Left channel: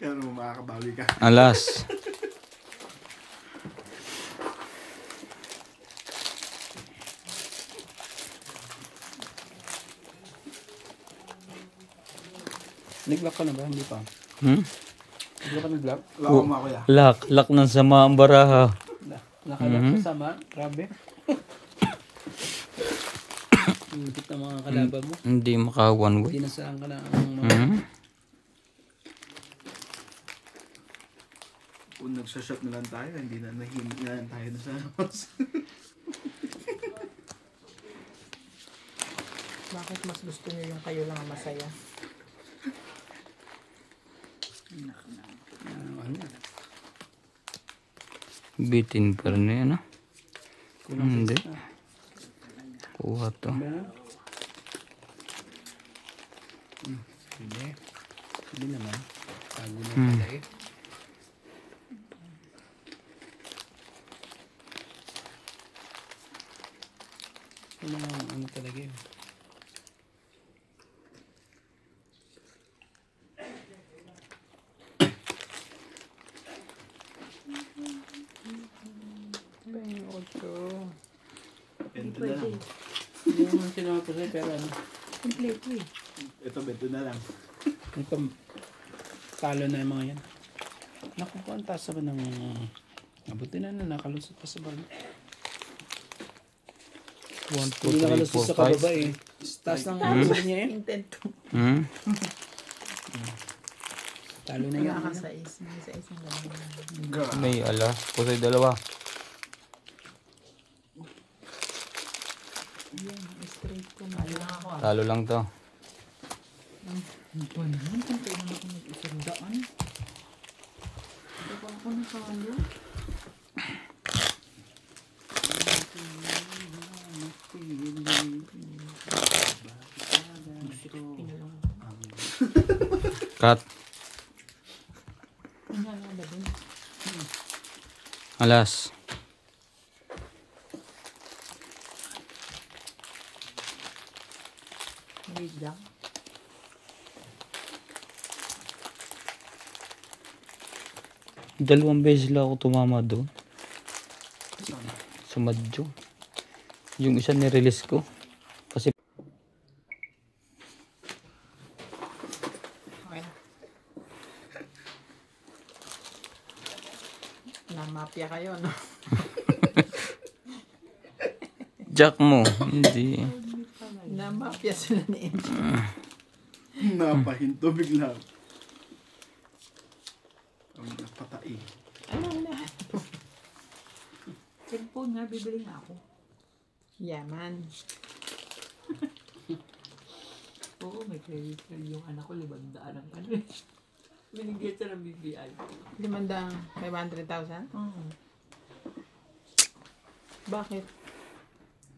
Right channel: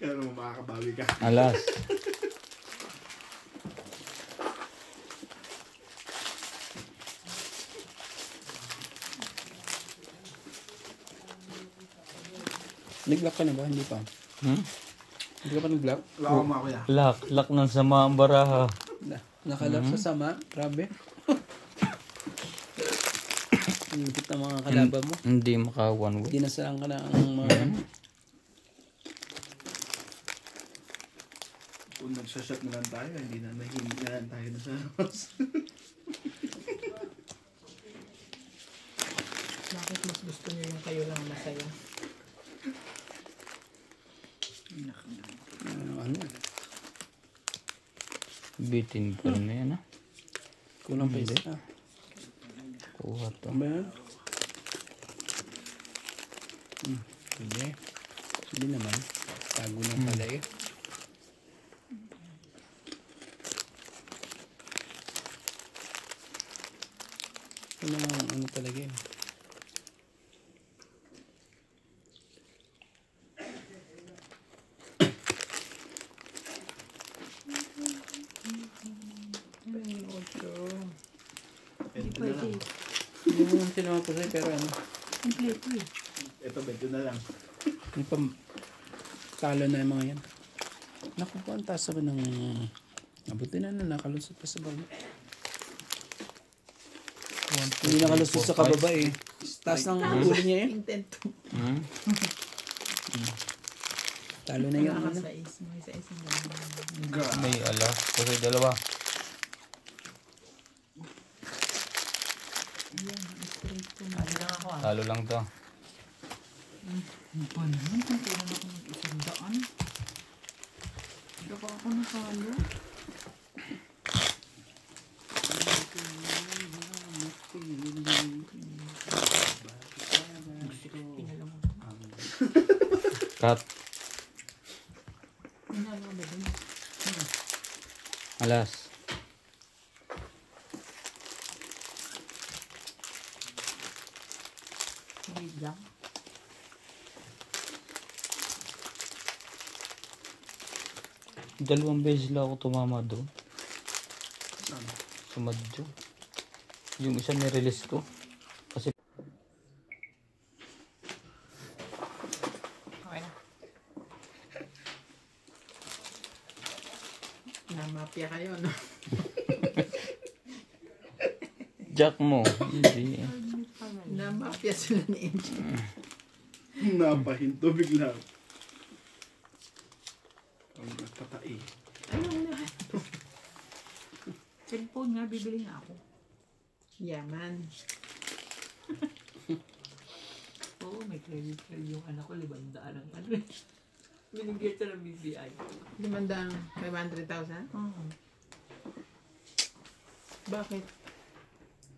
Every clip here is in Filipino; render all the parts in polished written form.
Kaya naman makakabawi ka. Alas. Nag-lock ka na ba? Hindi pa. Hindi ka pa nag-lock? Wala akong makuya. Lak ng sama ang baraha. Nakalock sa sama? Grabe. Higit na mga kalaban mo. Hindi maka-one way. Dinasarang ka na ang mga... Kung nagsashot na lang tayo, hindi na nahihingi na lang tayo na sa labas. Bakit mas gusto niyo yung kayo lang ang masaya? Ano? Bitin pa rin yan, ah. Kulang Hindi. pesa. Kuha to. Ba? Hindi. Hindi naman. Tago na pala eh. Ano talaga eh. Hindi pwede. Yung sinama ko sa'yo pero ano. Kompleto eh. Ito, beto na lang. Yung talo na yung mga yan. Naku po, ang taas ba ng... Abutin na nakalusot pa sa bago. Hindi nakalusot sa kababa eh. Taas ng ulo niya eh. Intento. Talo na Wala lang. ka sa is. May sa is ang gano'n. May alas. Kasi dalawa. Yan, straight ko na. Ano lang ako ah. Talo lang to. Ano ba naman? Kung kailan ako mag-isang daan? Ito pa ako nakalo. Cut. Ano ba dun? Alas. Wait lang. Dalawang beses lang ako tumama doon. Sa Madjo. Yung isa nirelease ko. Kasi Okay na. Namapya kayo, no? jack mo. Hindi. Namapya sila ni MJ. Napahinto bigla. Ang nagpatai. Ano na? Cellphone nga, bibili nga ako. Yaman. Oo, may credit card yung anak ko, 500 ang ano eh. Binigyan siya ng BPI. 500,000? Oo. Bakit?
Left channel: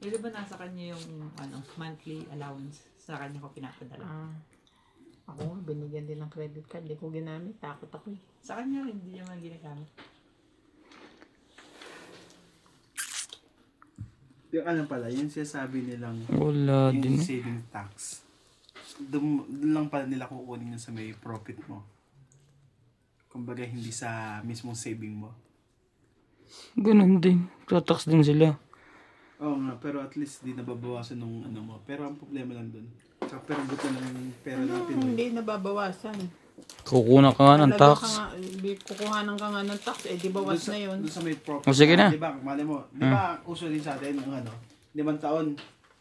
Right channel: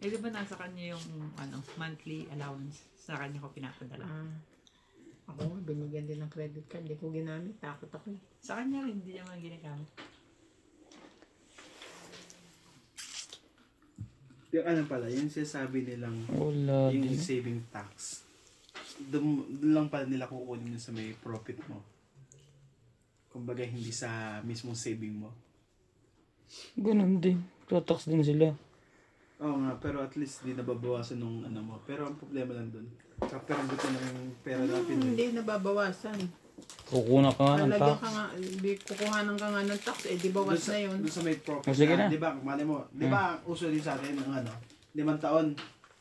Eh, di ba nasa kanya yung ano, monthly allowance? Sa kanya ko pinapadala. Ako nga, binigyan din ng credit card. Hindi ko ginamit. Takot ako eh. Sa kanya, hindi niya man ginagamit. Yung ano pala, yung sinasabi nilang Wala yung din. saving tax. Doon lang pala nila kukunin yung sa may profit mo. Kumbaga hindi sa mismong saving mo. Ganun din. Tatax din sila. Oo nga, pero at least di nababawasan nung ano mo. Pero ang problema lang doon, kapag buto ng pera na Pinoy. Hindi nababawasan. Kukunan ka nga ng Talaga tax. ka nga, kukuhanan ka nga ng tax. Eh, di bawas na yun. Doon sa may profit. O, sige na. Di ba, mali mo, di ba uso din sa atin ng ano, 5 taon,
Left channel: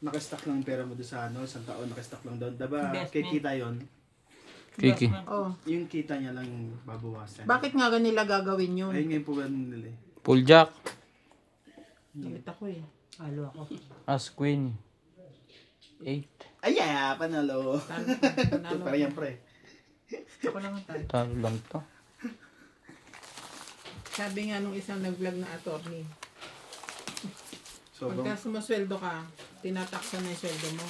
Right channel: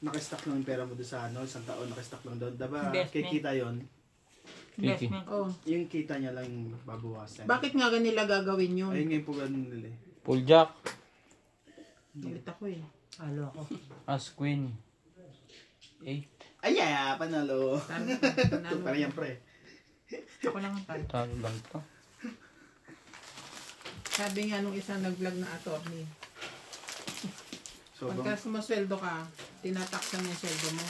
nakastock lang pera mo doon sa ano, 1 taon nakastock lang doon. Diba, Investment. kikita yon, Kiki. Oh. yung kita niya lang babawasan. Bakit nga nila gagawin yun? Ayun nga yung problema nila eh. Full jack. Galit ako eh. Halo ako. As queen. 8. Ay, yeah, panalo. Panalo. Para yan, pre. Ako lang ang tayo. Talo lang to. Sabi nga nung isang nag-vlog na attorney, So, pagka sumasweldo ka, tinataksan na yung sweldo mo.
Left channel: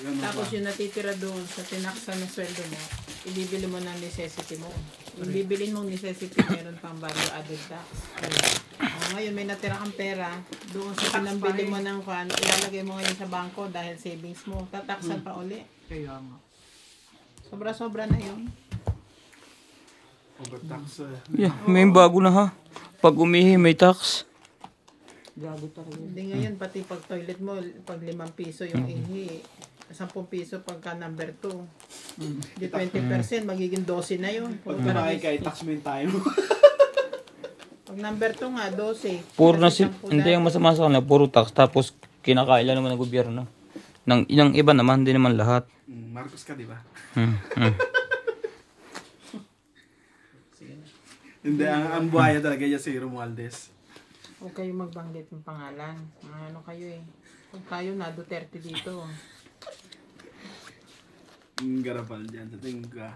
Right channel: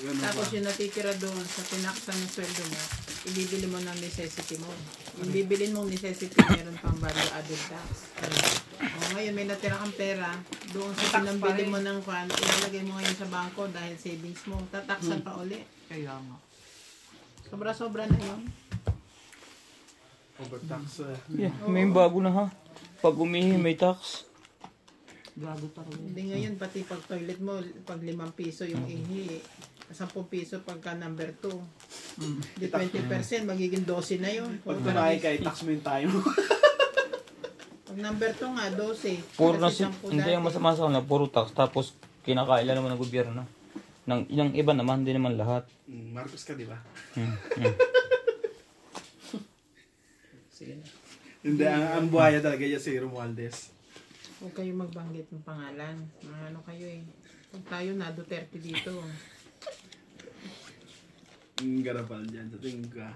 ganun Tapos pa. yung natitira doon sa tinaksan ng sweldo mo, ibibili mo ng necessity mo. Yung bibilin mong necessity, meron pang value added tax. Ngayon, may natira kang pera, doon sa pinambili mo ng kwan, ilalagay mo ngayon sa bangko dahil savings mo, tataksan pa uli. Kaya nga. Sobra-sobra na yun. Pag-tax Yeah, may bago na ha. Pag umihi, may tax. Gago talaga. Hindi ngayon, pati pag toilet mo, pag 5 piso yung ihi, 10 piso pagka number 2. Di 20%, magiging 12 na yun. Pag marami ka, i-tax mo yung time mo. Pag number 2 nga, 12. Puro na Kasi si... 10 Hindi yung dati. masama sa kanila. Puro tax. Tapos kinakailan naman ng gobyerno. Yung iba naman, hindi naman lahat. Marcos ka, di ba? Hmm. Hindi, ang buhaya talaga niya si Romualdez. Huwag kayo magbanggit ng pangalan. Ano kayo eh. Kung tayo na, Duterte dito. Garapal dyan, sa tingin ka.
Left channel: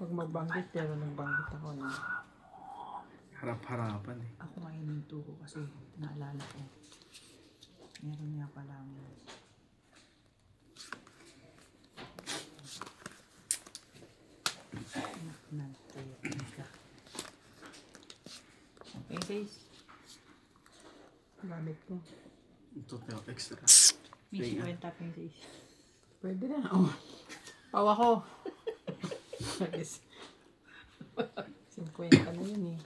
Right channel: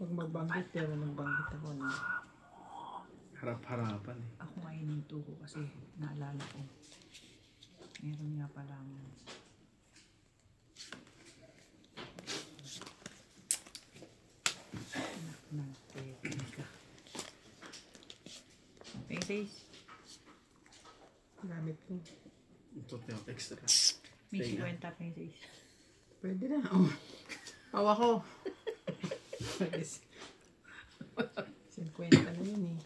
Huwag magbanggit, pero nagbanggit ako na. Harap-harapan eh. Ako nga hininto ko kasi naalala ko. Meron nga pala Pesos. Gamit ko. Ito yung extra. May Teka. 50 pesos. Pwede na. Oh. Pawa ko. 50 na yun eh.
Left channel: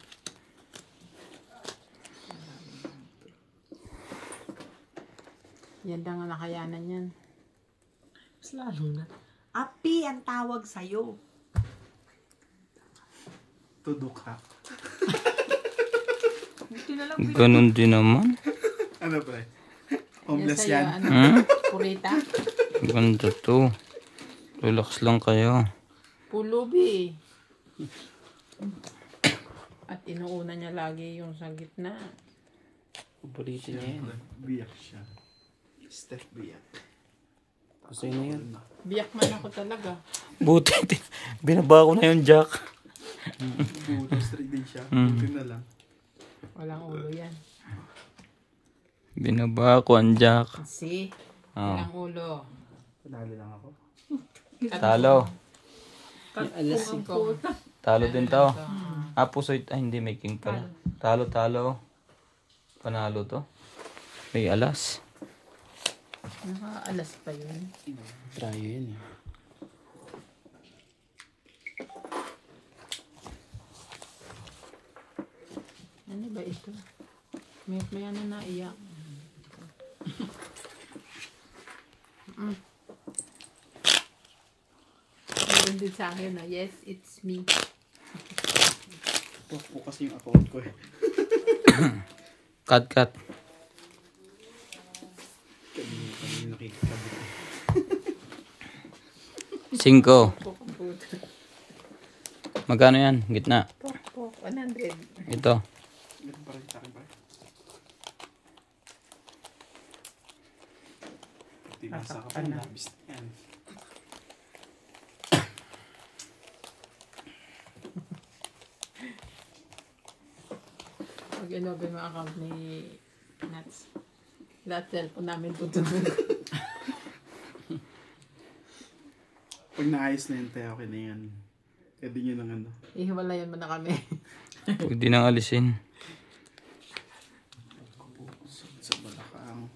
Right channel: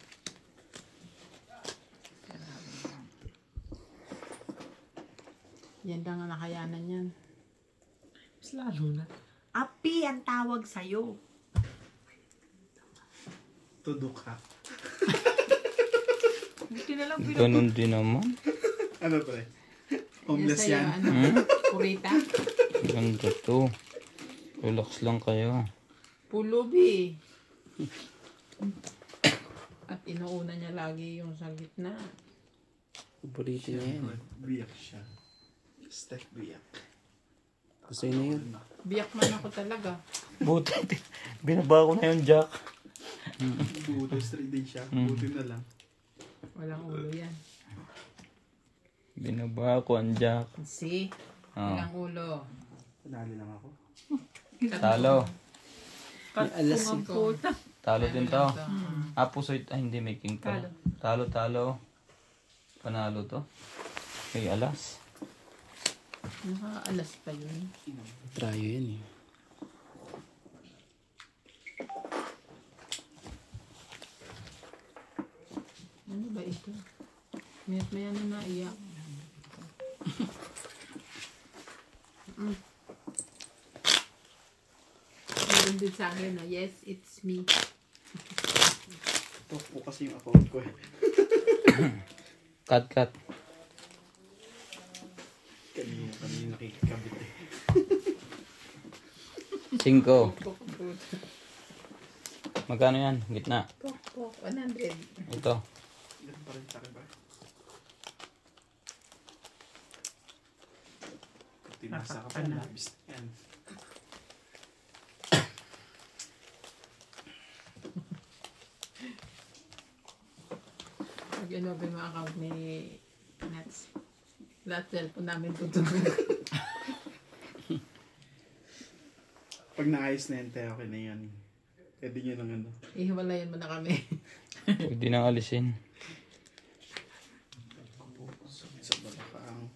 Yan lang ang nakayanan yan. Mas lalo na. Api ang tawag sa'yo. Tudok ha. Buti na lang Ganun din naman. Ano pa eh? Homeless sa'yo, yan. Ano, kurita? Ganda to. Relax lang kayo. Pulubi. At inuuna niya lagi yung sa gitna. Paborito niya yan. Biyak siya. Steph biyak. Gusto niya yan. Biyak man ako talaga. Buti. Binaba ko na yung jack. Buto straight din siya. Buti na lang. Walang ulo yan. Binaba ko ang jack. See? Oh. Walang ulo. Panalo lang ako. Talo. Alas Ko. Talo din to. Pusoy. Ay, hindi. May king pala. Talo. Panalo to. May alas. Nakaalas pa yun. Trayo yun eh. Ano ba ito? Mayat maya na naiyak. Meron din sa akin na, yes, it's me. Ito po kasi yung account ko eh. Cut. Kanina nakikikabit eh. 5. Magkano yan? Gitna. Pok, 100. Ito. Ganun pa rin sa akin ba? Tinasa ka pa na labis na yan. Pag inopen mo account ni Nats, lahat cellphone namin tutulog. Pag naayos na yan, tayo okay na yan. Pwede nyo ng ano. Ihiwalayan mo na kami. Pwede nang alisin. Sa balakang.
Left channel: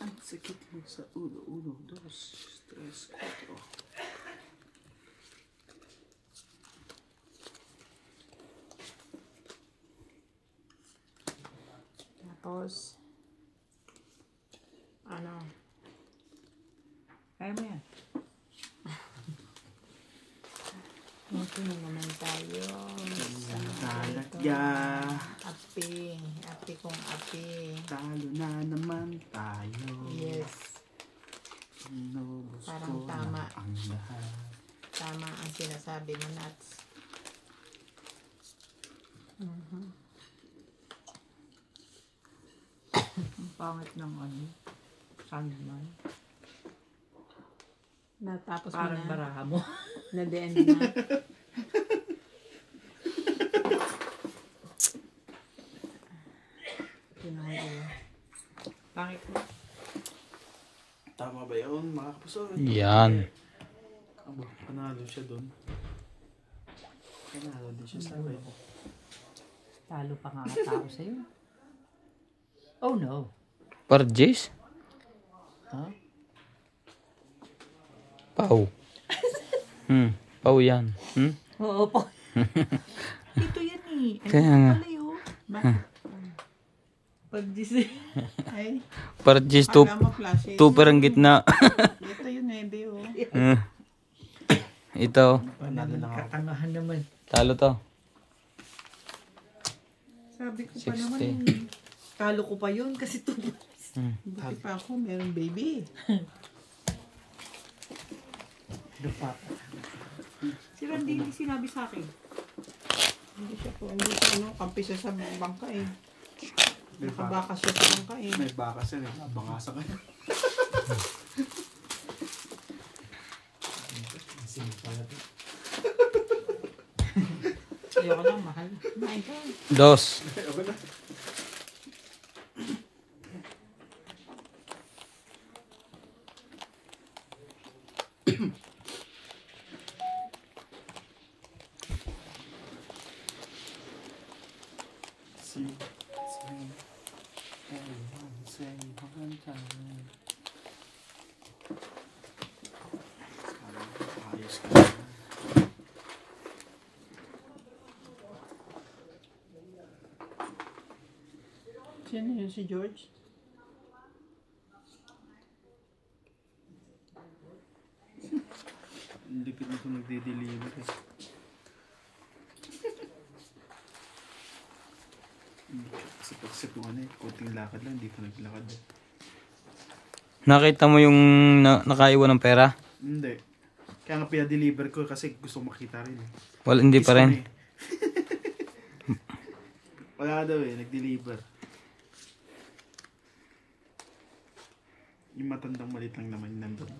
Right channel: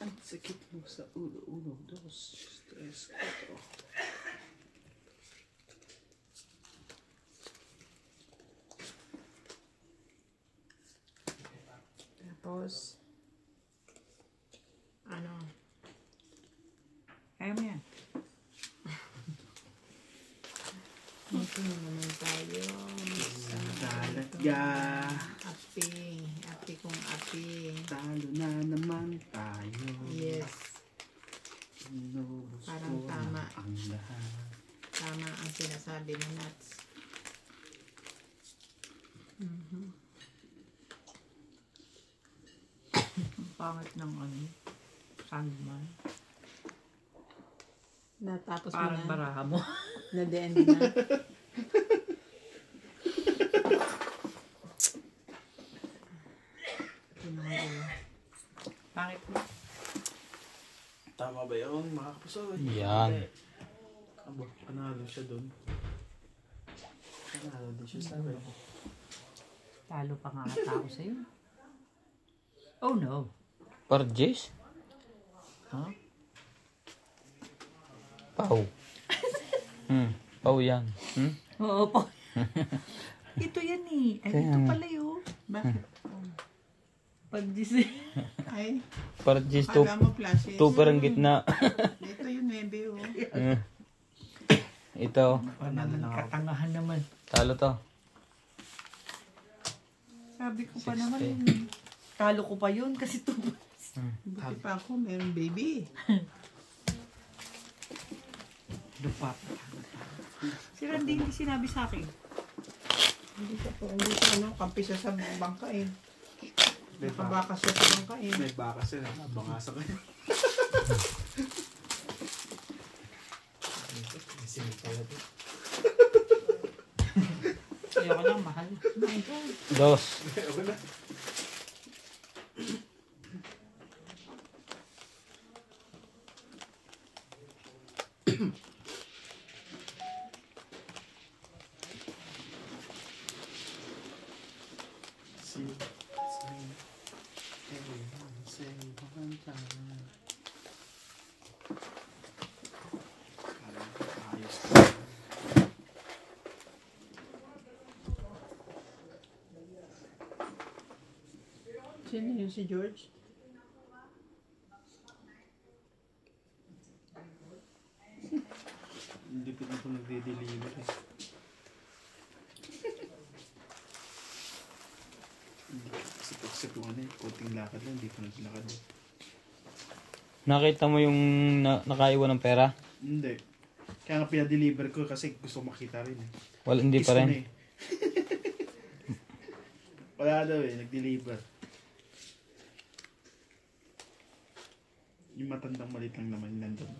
Ang sakit mo sa ulo. 1, 2, 3, 4. Tapos, ano, Kaya mo yan. ito na naman tayo. Sa Talaga. api kong api. Talo na naman tayo. Yes, Inubos Parang ko tama. na ang lahat. tama ang sinasabi mo, Nats. Ang pangit ng Sandman. Natapos mo Parang na, baraha mo. na the end na. Pinoy ulo. Pangit mo. Tama ba yun, mga kapuso? Yan. Abo, panalo siya doon. Panalo din siya sa akin. Talo pa nga tao sa'yo. Oh no. Par Jace? Ha? Pau. Pau yan. Oo po. Ito yan eh. Ay, Kaya ito nga. pala yun. Bakit? Pag Disney. Ay, Para just two, akala mo flashy. two per ang gitna. Ito yung nebe, oh. Ito. Katangahan naman. Talo to. Sabi ko pa 60. naman, Talo ko pa yun kasi ito. buti pa ako, meron baby. Si Randy hindi sinabi sa akin. Hindi siya po, hindi siya, ano, kampi siya sa bangka eh. Nakabaka siya sa bangka eh. May baka siya, nakabanga sa kanya. Ayoko lang, mahal. My God. Dos. Ayos ko. Sino yun, si George? Lipid na ito nagde-deliver eh. Sip yung ano eh, puting lakad lang, hindi pa naglakad eh. Nakita mo yung nakaiwan ng pera? Hindi. Kaya nga pinadeliver ko kasi gusto ko makita rin eh. Wala, hindi pa Kiss ko rin. na eh. Wala daw eh, nag-deliver. Yung matandang malit lang naman nandun.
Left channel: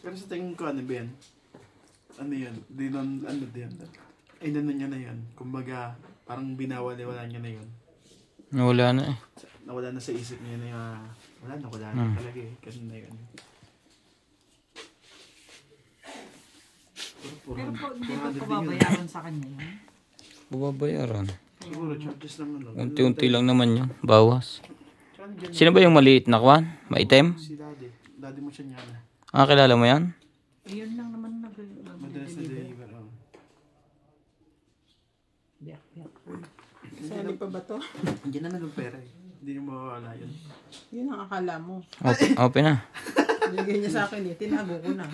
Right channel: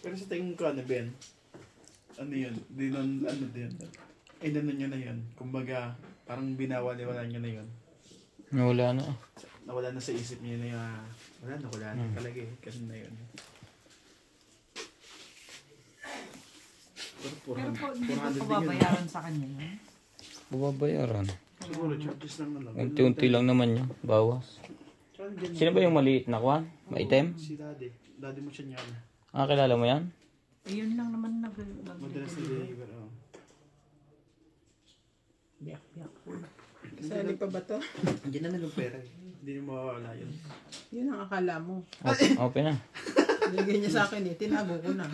Pero sa tingin ko ano Ben? Ano yun? Ano din? Ay nanon niya na yun. Kumbaga, parang binawali-wala niya na yun. Wala na eh. Nawala na sa isip niya na yung wala na talaga eh. Kasi na yun. Pero po, hindi ba 400 din yun. pababayaran sa kanya yun? Babayaran. Siguro charges lang ano. Unti-unti lang naman yun. Bawas. Tsaka nandyan Sino ba yung maliit na kwan? Maitim? si Daddy. Daddy mo siya niya. Ah, kilala mo yan? Ayun lang naman Madalas na deliver. Oh. Biyak-biyak. Sali pa ba to? Hindi naman yung pera eh. Hindi niyo mawawala yun. Yun ang akala mo. Open na. Binigay niya sa akin eh, tinago ko na.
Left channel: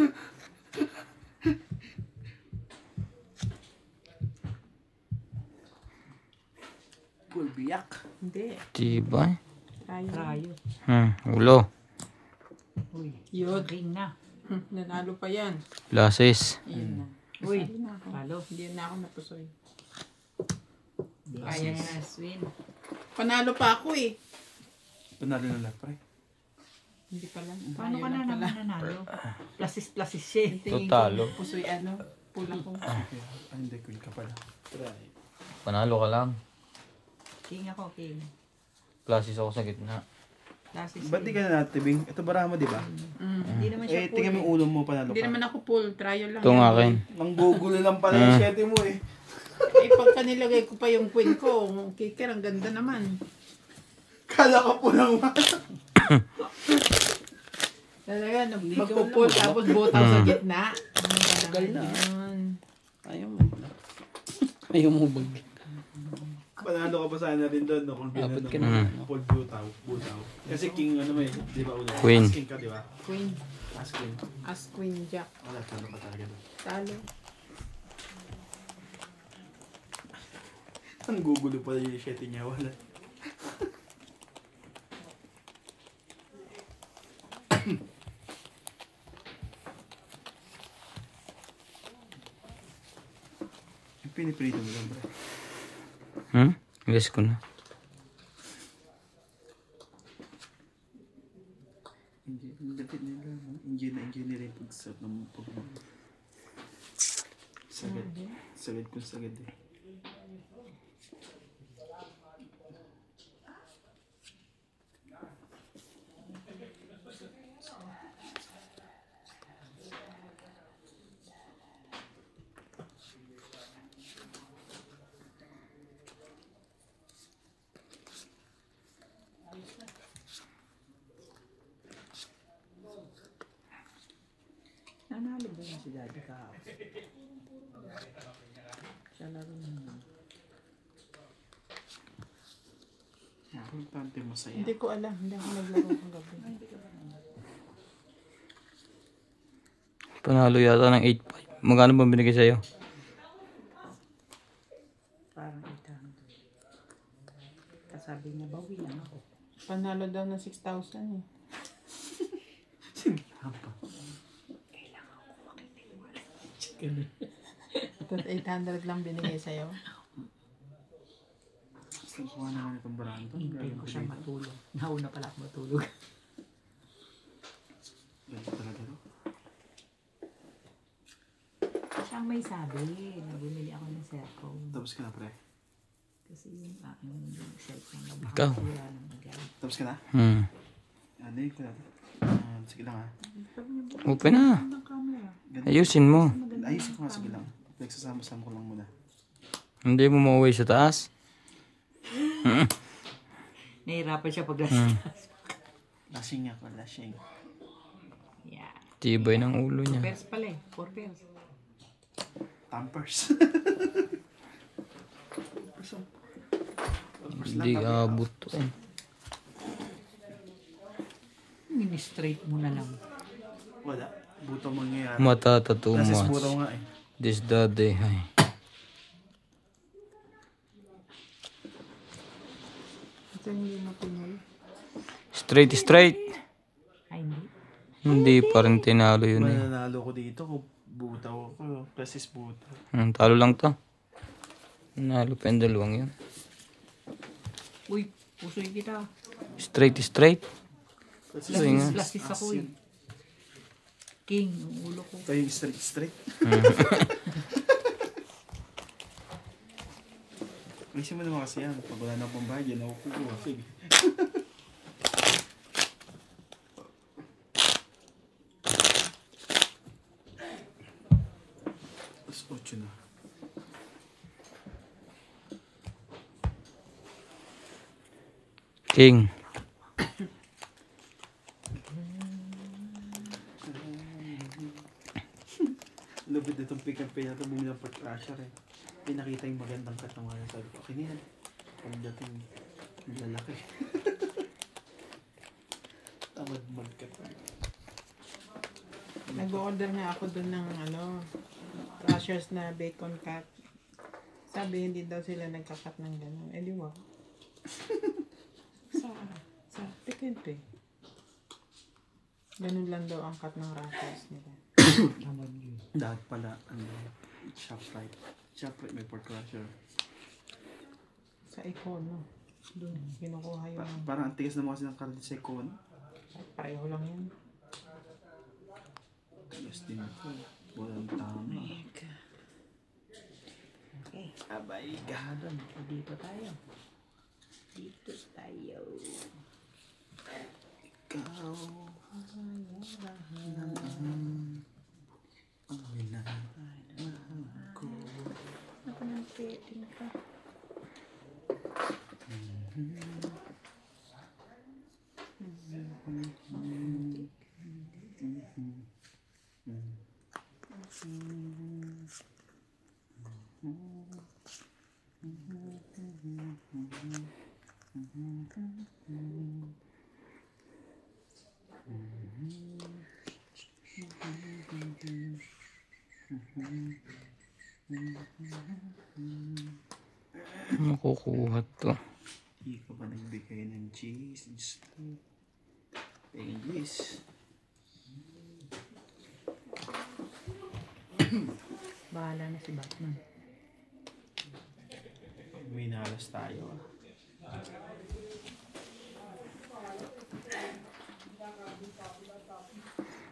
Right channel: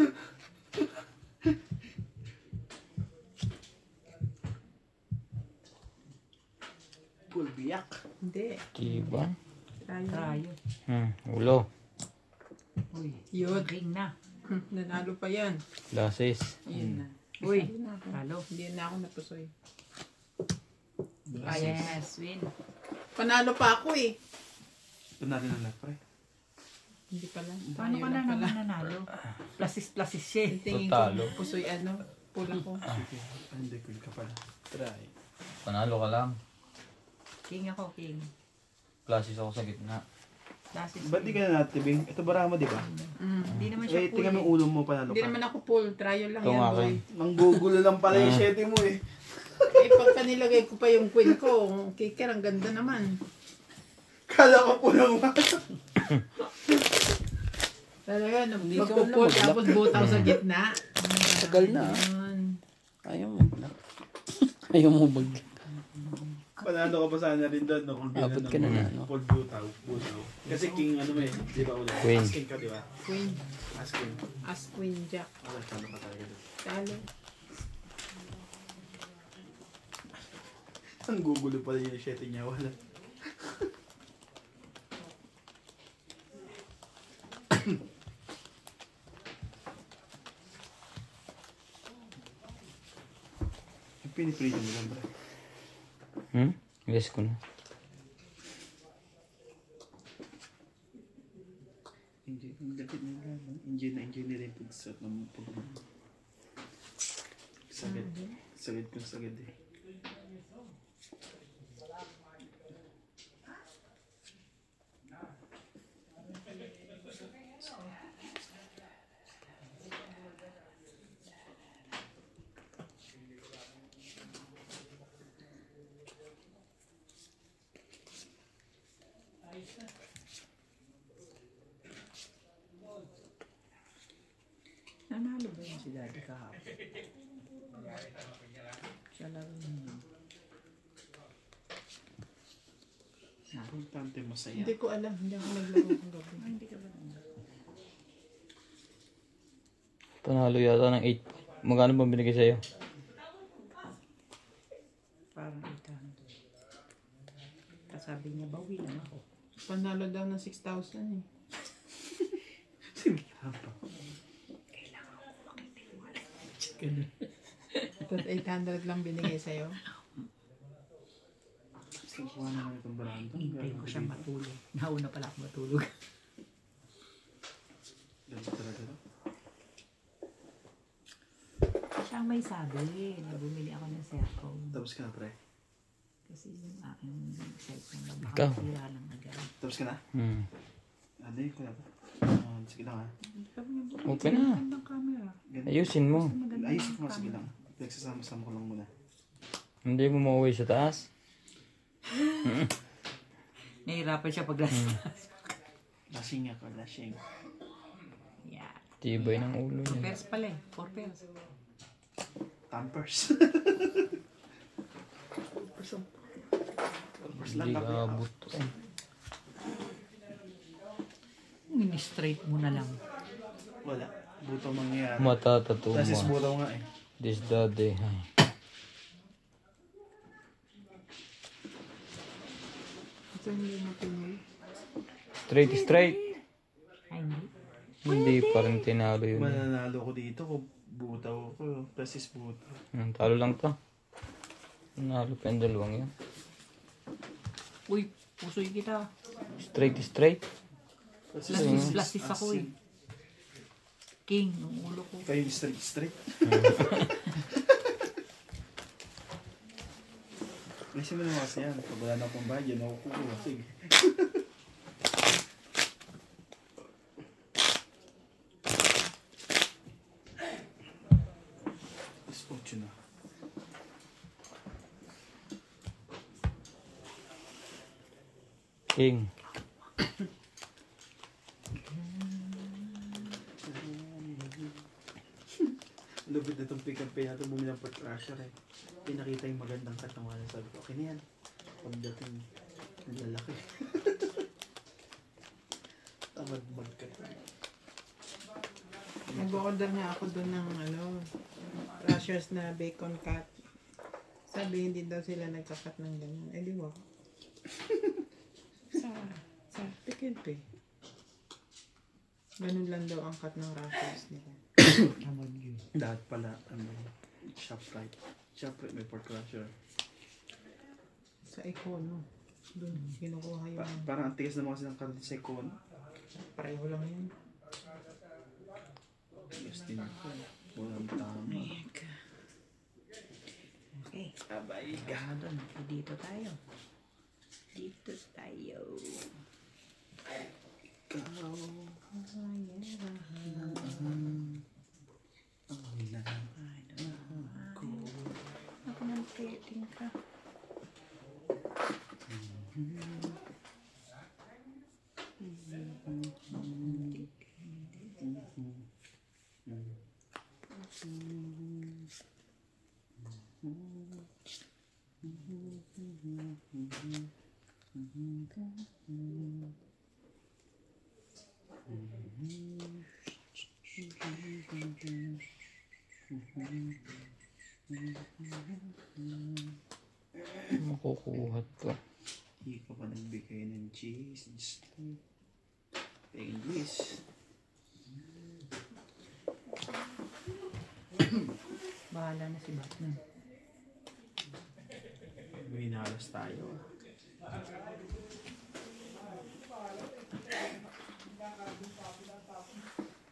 Full biyak. Hindi. Tibay. Tayo. Tayo. Ulo. Uy, Yun. ring na. Nanalo pa yan. Glasses. Ayun na. Uy, Sali na ako. talo. Hindi na ako napusoy. Yes, win. Panalo pa ako eh. Panalo na lang pre. Hindi pala. Paano ka na naman nanalo? Plasis siya. eh. Tingin Totalo. ko, pusoy ano, pula ko. Okay. Ah, hindi, queen ka pala. Try. Panalo ka lang. King ako, king. Glasses ako sa gitna. Plasis. Ba't di ka na natibing? Ito barama di ba? Hindi naman siya Eh, tingnan mo yung ulo mo panalo Hindi ka. naman ako full, trial lang. Ito yan, nga boy. akin. Nanggugulo lang pala yung 7 mo eh. Eh, pagka nilagay ko pa yung queen ko, kiker, ang ganda naman. Kala ko po lang Talaga, magpupul, tapos butaw sa gitna. Tagal na. Ayun. Ayaw mo na. Ayaw mo bag. Panalo ka pa sana rin doon. No? Kung Abot ganun, ka na no? ano. Full butaw. Kasi king ano may, di ba ulit? Queen. As king ka, di ba? Queen. As queen. As queen jack. Wala, talo ka talaga doon. Talo. Ang gugulo pala yung 7 niya. Wala. Yung piniprito mo lang ba? Yes ko na. Engineer yung pag-suot ng pag- Sagad. Sagad kung sagad eh. Nanalo ba yun si Daddy kahapon? Siya laro yun. Importante masaya. Hindi ko alam. Hindi ako naglaro kagabi. Hindi ka ba Panalo yata ng 8.5. Magkano ba binigay sa'yo? parang 800. Kasabi niya, bawi lang ako. Panalo daw ng 6,000 eh. Ito 800 lang binigay sa'yo. Kuha naman itong barando. Hintay ko siya matulog. Nauna pala ako matulog. Ganito talaga to. Siya ang may sabi na bumili ako ng cellphone. Tapos ka na, pre. Kasi yung aking cellphone na baka Ikaw? masira lang agad. Tapos ka na? Ano yun? Sige lang ha. Open na. Ayusin mo. Ayusin ko nga, sige lang. Nagsasama-sama ko lang muna. Hindi mo mauwi sa taas. Nahirapan siya pag Lasing ako, lasing. Yeah. Tibay ng ulo 4 niya. pairs pala eh. 4 pairs. Tampers. Hindi abot to eh. Mini-straight mo na lang. Wala. Buto mangyayari. Matata too Kasi much. buto nga eh. This daddy. Ay. Ito hindi mo pinuwi. Straight. Ay, hindi. Hindi pa rin tinalo yun eh. Mananalo ko dito kung butaw ako. Precis butaw. Talo lang to. Nalo pa yung dalawang yun. Uy, pusoy kita. Straight. Precis Plastis ako eh. King, yung ulo ko. kayo yung straight. Kasi mo naman kasi yan. Pag wala na akong bayad, yan ako kukuha. Sige. Mas 8 na. King. Lubid na itong pick-up pay natin bumili ng crusher eh. Pinakita yung magandang katawan. Sabi ko, okay na yan. Pagdating, ang lalaki. Tamad magkat. Nag-order nga ako dun ng crushers na bacon cut. Sabi hindi daw sila nagkakat ng gano'n. Eh di wag. Sa pick and pay. Ganun lang daw ang cut ng crushers nila. Tamad yun. Dapat pala, ShopRite. ShopRite may pork crusher. Sa Econo. Dun kinukuha yung Parang ang tigas na mga sinang sa Icon. pareho lang yun. Tigas din ito. Walang tama. Okay. Abay ka. Madam, dito tayo. Dito tayo. Ikaw. Ang minahal ko. Ako nang kiyatin ka. Makukuha to. Hindi ka pa nagbigay ng cheese. English. Bahala na si Batman. May nalas tayo.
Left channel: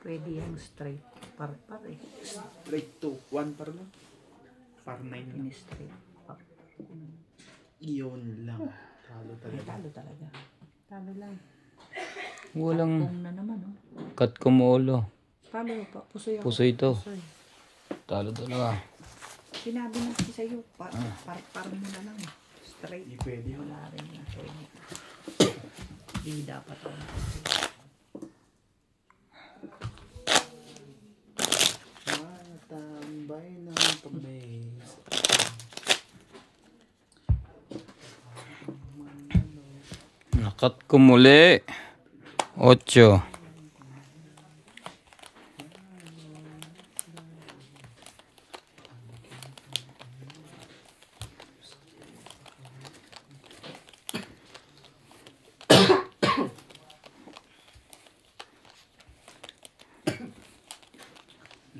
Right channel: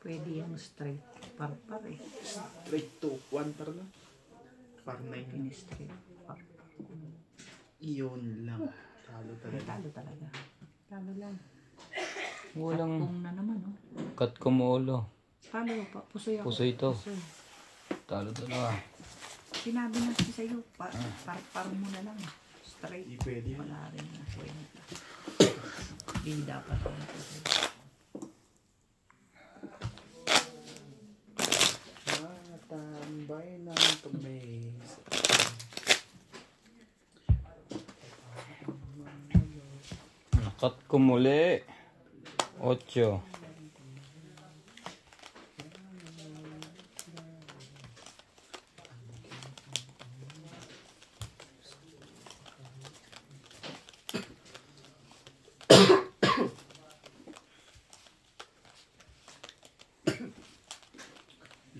Pwede yung straight. Par eh. Straight to 1 par lang. Par 9 lang. Ini straight. Par. Iyon lang. Talo talaga. Talo talaga. Talo lang. Walang Kung na naman, oh. cut kumulo. Talo pa. Pusoy ako. Puso ito. Pusoy. Talo talaga. Sinabi na kasi sa'yo, par mo na lang. Straight. Hindi pwede yun. Wala rin na sa'yo. Di dapat. Nakat ko muli. 8.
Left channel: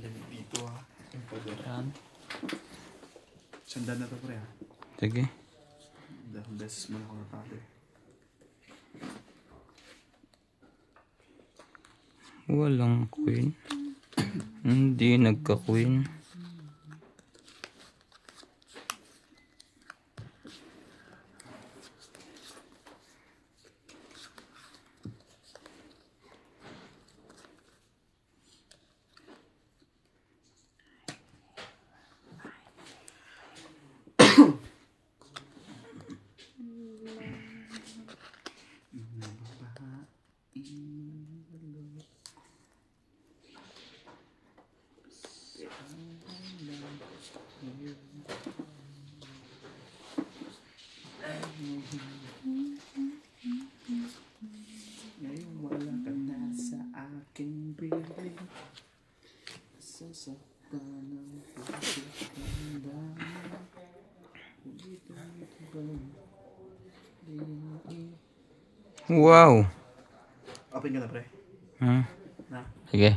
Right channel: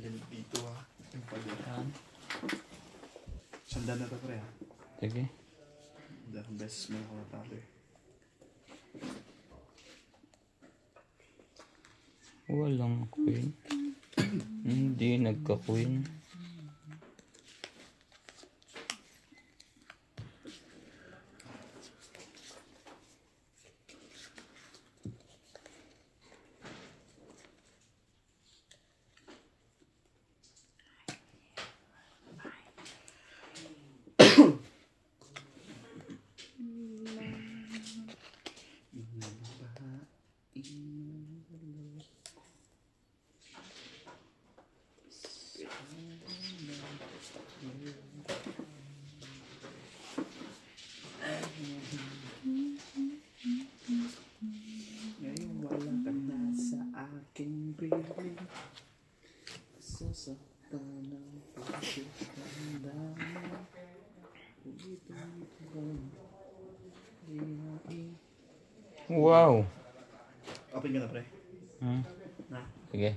Lamig dito ha. Yung pagod. Sanda na to pre ha. Sige. Dahil beses mo ako natalo eh. Walang queen. Hindi nagka-queen. Ngayon wala ka na sa aking piling. Sasaktan ng pagkakandaan. Wow. Open ka na pre. Na. Sige.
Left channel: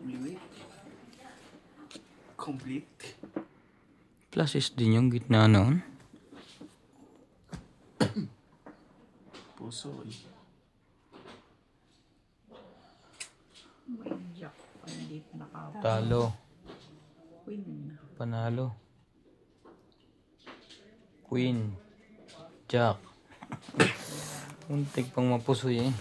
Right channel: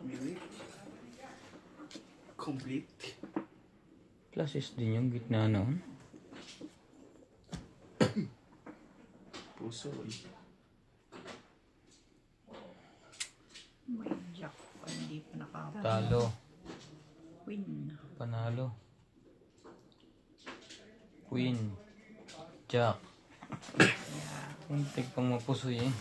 Music. Complete. Pluses din yung gitna noon. Puso eh. Jack. Hindi pa nakatalo. Talo. Win. Panalo. Queen. Jack. Muntik pang mapusoy eh.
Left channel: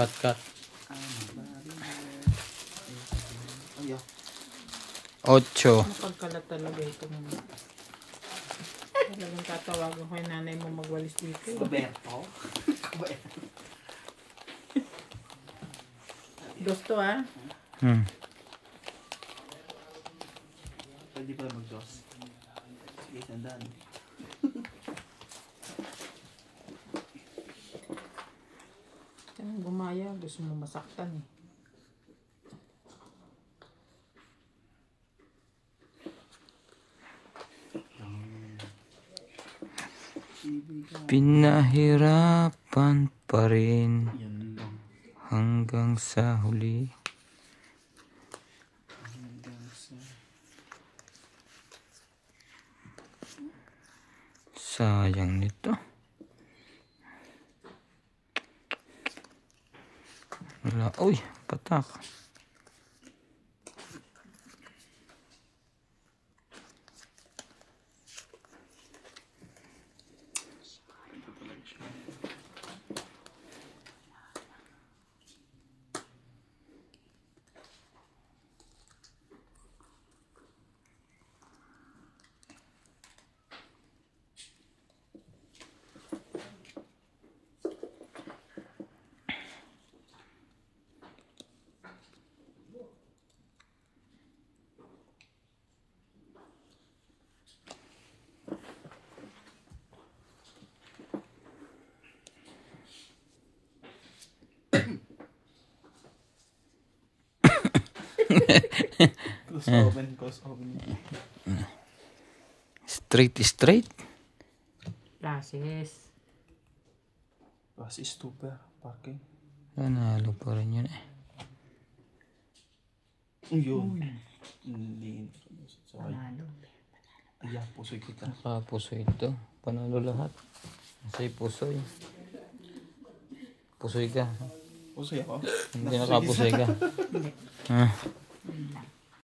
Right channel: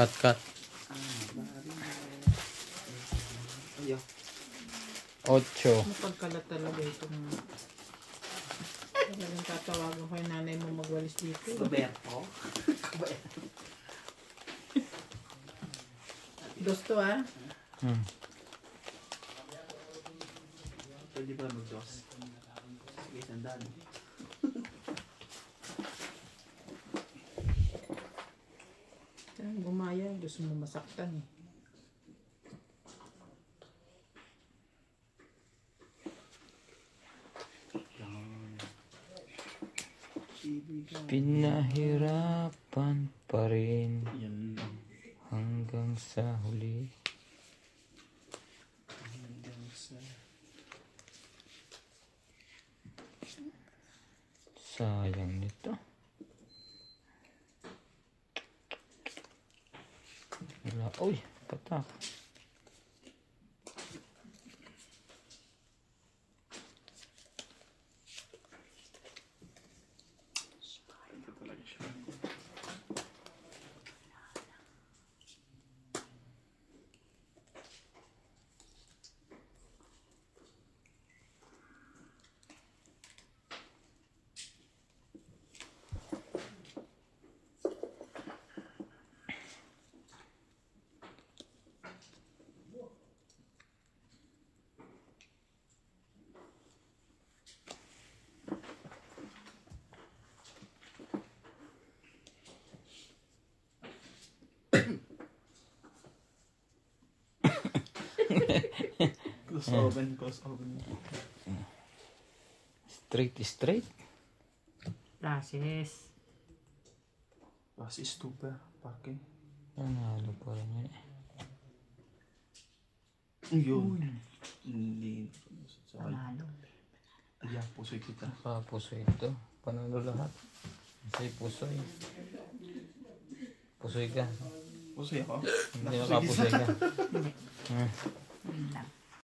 Cut. Ayaw. 8. Mapagkalat talaga ito naman. Talagang tatawagan ko yung nanay mo magwalis dito. Roberto. Gusto ah. Pwede ba mag-dos? Sige, sandaan. Gumaya. Gusto mo masaktan eh. Pinahirapan pa rin Yan lang. hanggang sa huli. Hanggang sa... Sayang nito. Wala. Uy, patak. Ito talaga siya. Close oven. Straight. Flashes. Basi stupa. Parking. Nanalo pa rin yun eh. Yun. Hindi. Panalo. Ayaw, pusoy kita. Nakapusoy ito. Panalo lahat. Masay pusoy. Pusoy ka. Pusoy ako. Hindi nakapusoy ka. Yun lang.